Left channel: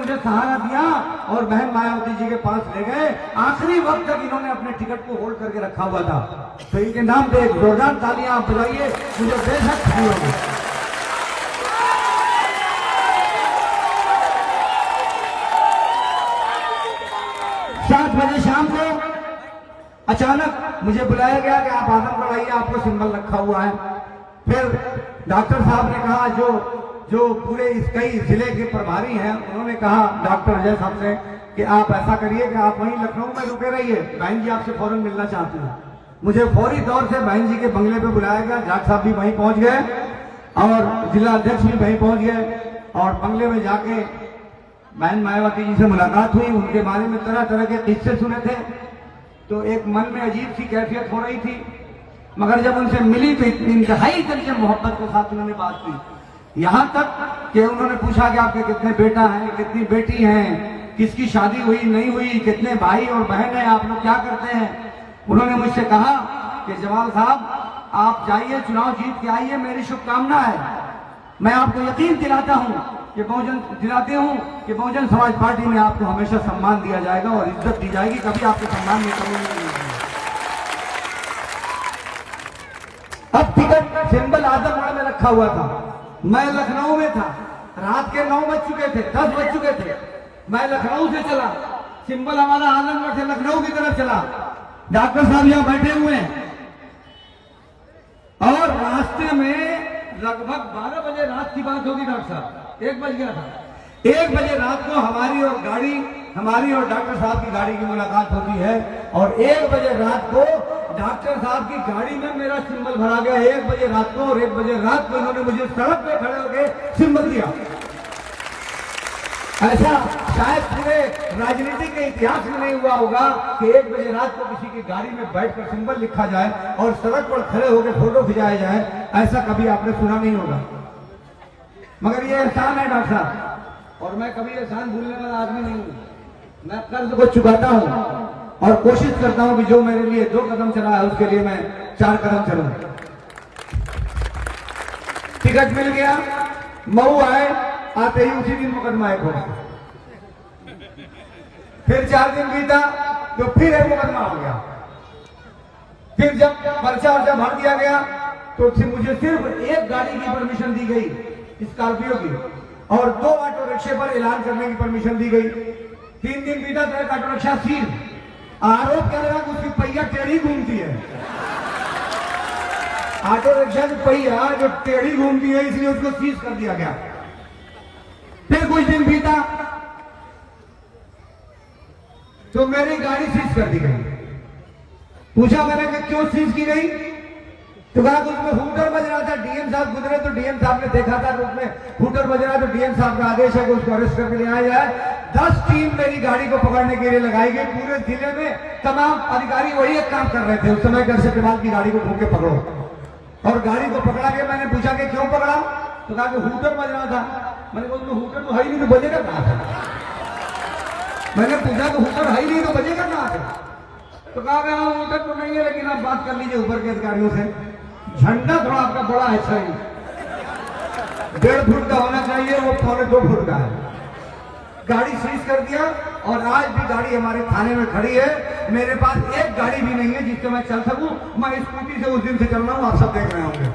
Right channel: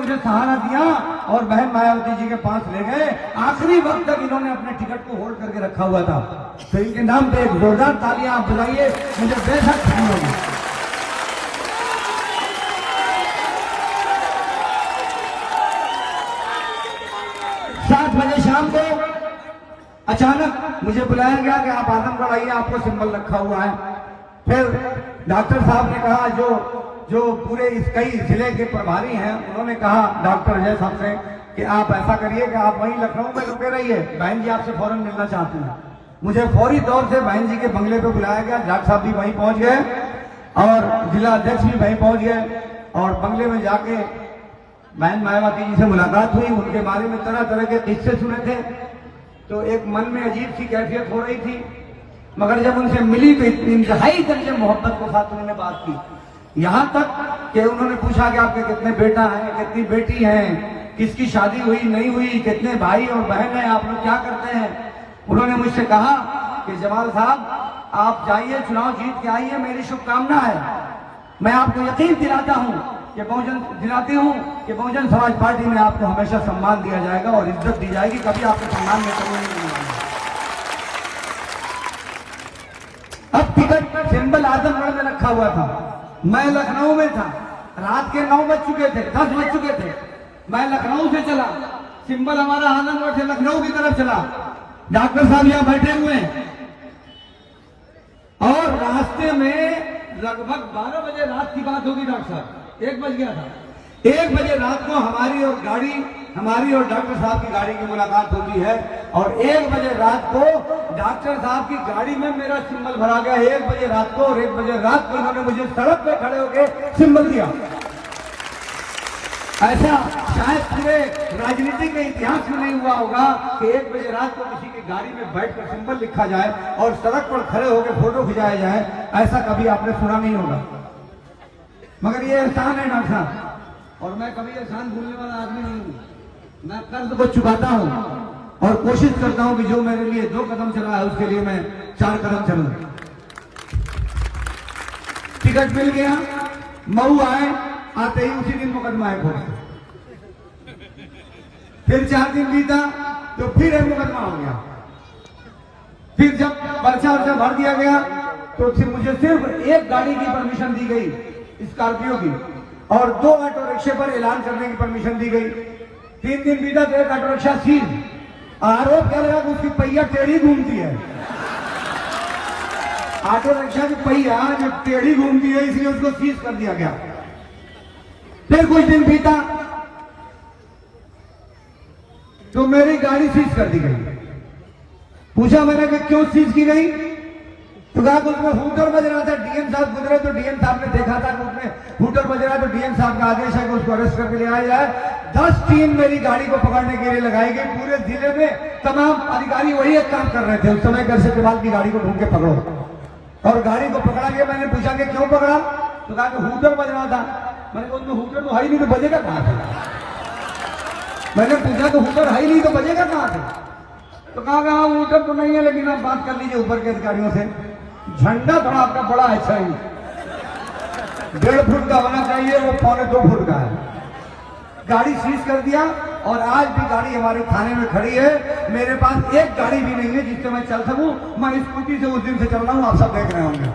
मुझे सहारा दिया और बहन मायावती जी के पास ले गए। आखिरी वक्त तक इन्होंने अपने टिकट को होल्ड करके रखा हुआ था। तो इनके नाम पे एक जोरदार तालियां आप बुलाइए, मुझे बेहद खुशी होगी। 7 बजे शाम को अचानक मुझे बुलाया गया कि आप आदमगढ़ आइए, आपको सिंबल रखा हुआ है। फिर डॉक्टर साहब ने कहा, जो पूरे इस कई जिले के प्रभारी हैं, उन्होंने कहा डॉक्टर अजय साहब से कि आप ऐसा करिए कि आप वहीं लखनऊ में रुके रहिए, बहन जी आपसे फौरन मिलना चाहती हैं। मुझे फौरी तौर से बहन जी के बंगले पे बुलाया गया। जाट साहब भी वहीं पहुंच गए और जिला अध्यक्ष भी वहीं पहुंच गए और बंगले में जाके बहन मायावती जी से मुलाकात हुई। उनके बारे में तरह तरह के किस्से सुने थे, तो एक मन में अजीब सी कैफियत हो रही थी। मगर जब उनसे मिली तो इतनी इंतहाई करके मोहब्बत के साथ उन्होंने बात की, यहां तक कि उन्होंने पूछा कि आपके कितने बेटा हैं, कितनी बेटी हैं, किसकी शादी हुई नहीं हुई, कितने भाई और बहन हैं, आप लोग क्या करते हैं। उन्होंने मुझसे कहा कि जमाल साहब आप जाइए, चुनाव जीत के आइए, मेरी शुभकामना है। मैं आपको यकीन दिलाता हूं कि बहुजन समाज पार्टी में आपको हमेशा सम्मान दिया जाएगा और इज्जत दी जाएगी, कभी आपको सम्मान में कमी नहीं आएगी। अब टिकट सिंबल आजमगढ़ में रखा हुआ था, मैं लखनऊ में था, रात के 9 बज चुके थे, 10 बज चुके थे। मैं लखनऊ से चला, सिंबल हमारा आजमगढ़ से लखनऊ की तरफ चला। डॉक्टर साहब यहां बैठे हुए और रास्ते में लगभग 12 बजे रात की बात होगी, डॉक्टर साहब 1 बज गया था। 1 बजे रात को हमारी और डॉक्टर साहब की गाड़ी की मुलाकात होती है और 1 बजे रात को डॉक्टर साहब की गाड़ी में मेरा सिंबल भरा गया। 1 बजे रात को और 1 बजे रात को उन्होंने मुझे सड़क पे खड़े होकर सिंबल दिया। ऐसा शायद पूरे राजनीति के इतिहास में नहीं हुआ होगा कि 1 बजे रात को किसी की गाड़ी में बैठकर सिंबल लिखा जाए और सड़क पर खड़े होकर फोटो खिंचाया जाए। ऐसा कभी आपने सुना नहीं होगा। मगर ये एहसान है डॉक्टर साहब, और मैं कभी एहसान भूलने वाला आदमी नहीं हूं। मैं कर्ज को चुकाता हूं और कोशिश करता हूं कि जो मेरे लिए 2 कदम चला है उसके लिए मैं 4 कदम चलूं। टिकट मिल गया, मऊ आए, आते ही उसी दिन मुकदमा एक हो गया। फिर 4 दिन बीता तो फिर एक मुकदमा हो गया। फिर जब पर्चा वर्चा भर दिया गया तो फिर मुझे सिर्फ एक गाड़ी की परमिशन दी गई, स्कॉर्पियो की, और 2 ऑटो रिक्शे पर ऐलान करने की परमिशन दी गई। 3 दिन बीता तो एक ऑटो रिक्शा सील। आरोप क्या लगा कि उसकी पहिया टेढ़ी घूमती है। ऑटो रिक्शा की पहिया जो टेढ़ी घूमती है इसलिए उसको सीज कर दिया गया। फिर कुछ दिन बीता तो मेरी गाड़ी सीज कर दी गई। पूछा मैंने कि क्यों सीज की गई, तो कहा कि उसमें हूटर बज रहा था। डीएम साहब गुजरे तो डीएम साहब ने देखा था कि उसमें हूटर बज रहा, तो डीएम साहब का आदेश है कि उसको अरेस्ट करके ले आया जाए। 10 टीम मेरी गाड़ी को पकड़ने के लिए लगाई गई। पूरे जिले में तमाम अधिकारी वही एक काम कर रहे थे उस समय, घर से की गाड़ी को ढूंढ के पकड़ो। और गाड़ी को पकड़ा के मैंने पूछा कि क्यों पकड़ा, तो कहा कि हूटर बज रहा था। मैंने बोला हूटर तो है ही नहीं, तो बजेगा कहां से। मैंने पूछा कि हूटर है ही नहीं तो बजेगा कहां से, तो कहा कि हाँ हूटर तो नहीं है, लेकिन आप बात कर लीजिए ऊपर के अधिकारियों से। झंडा थोड़ा आपका बड़ा अच्छा ही 1.5 फुट का होना चाहिए, वो 1.25 फुट का है। गाड़ी सीज कर दिया और आज भी गाड़ी हमारे थाने में खड़ी है। मेरे पास एक गाड़ी भी नहीं है जिससे मैं चल सकूं। मैं स्कूटी से उस दिन से चल रहा हूं, आप सब देख रहे होंगे।